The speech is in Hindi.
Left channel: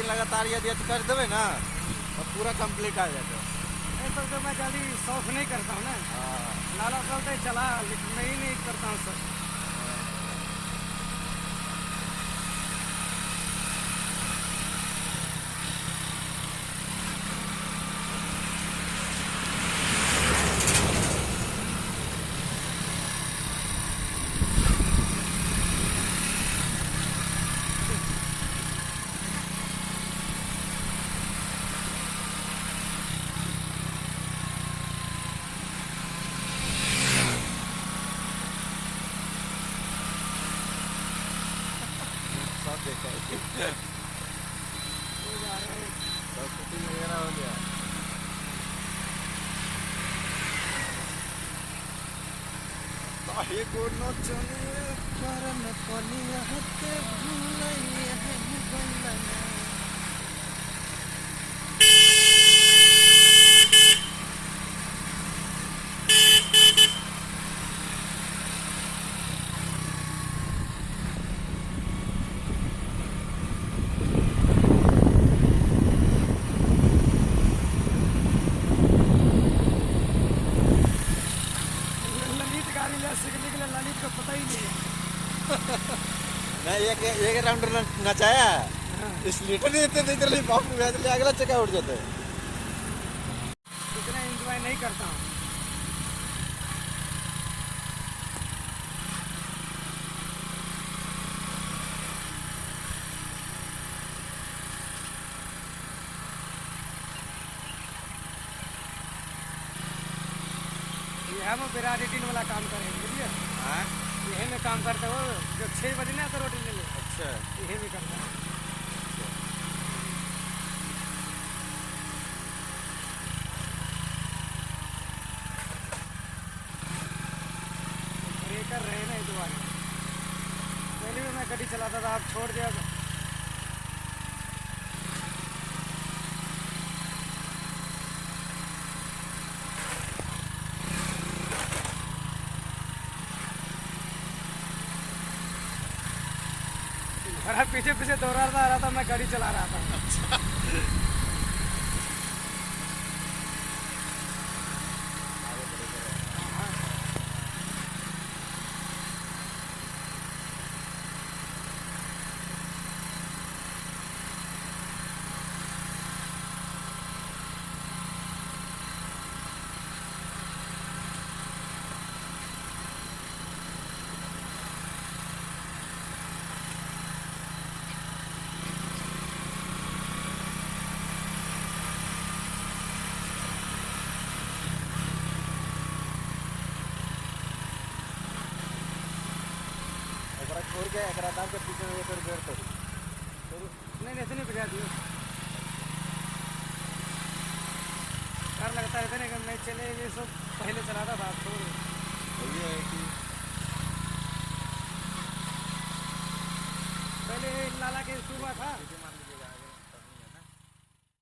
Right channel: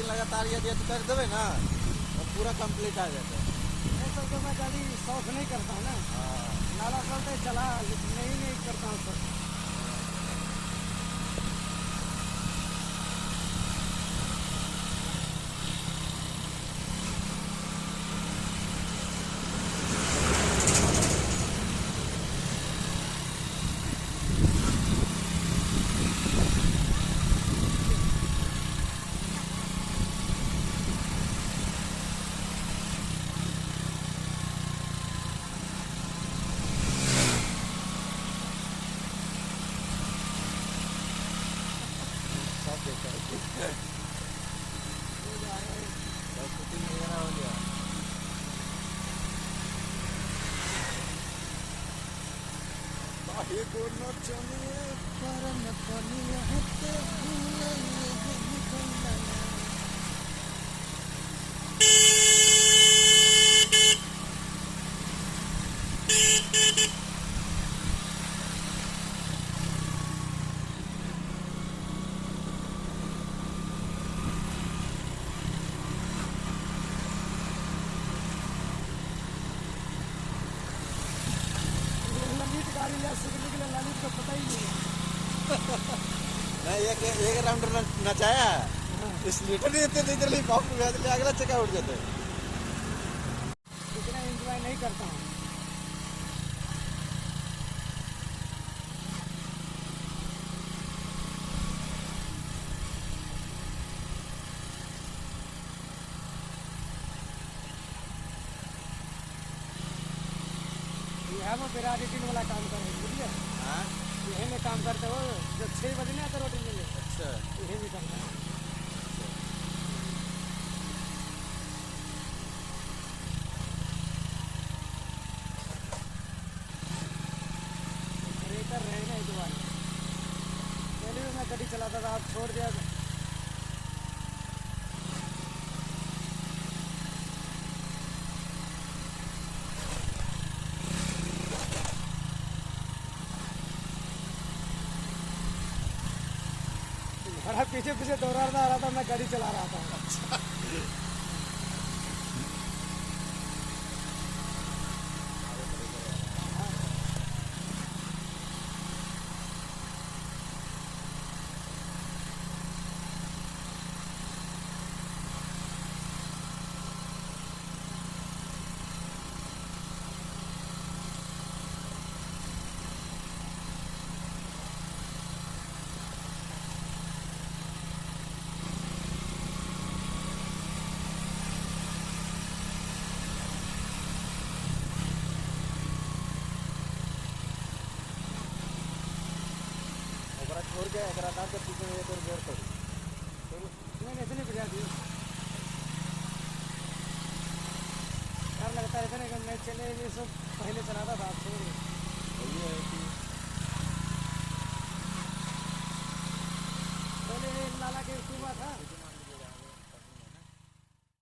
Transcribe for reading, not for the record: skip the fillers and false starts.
दिन लगातार यदि कर देवे ना तो पूरा कंप्लीट आ जाता है। ऐसा तो मैं गाड़ी शौक नहीं करता हूँ ना, नाला चलते चला लेकिन नहीं करता हूँ सर। मैं एक राउंड नचाया इसलिए इतने बाप अगला चक्का उठ जाता है। इतना एंजॉय नहीं करता हूँ। हम विराट 18 वाला काम करेंगे बुझलिए, यही में काम करते हो जो 6 बजे ना तो रोटी ले लो। अच्छा, यही भी करता है। ब्रेकर रहे ना इस बार, पहले भी मैं गाड़ी चलाता था, आप छोड़ दिया। बड़ा पीछे पीछे दौड़ा रहा था, मैं गाड़ी चला रहा था। नहीं ऐसे नहीं बजा दिए, डर लगता रहता नहीं, मैं चले ये सब पहले चलाता था।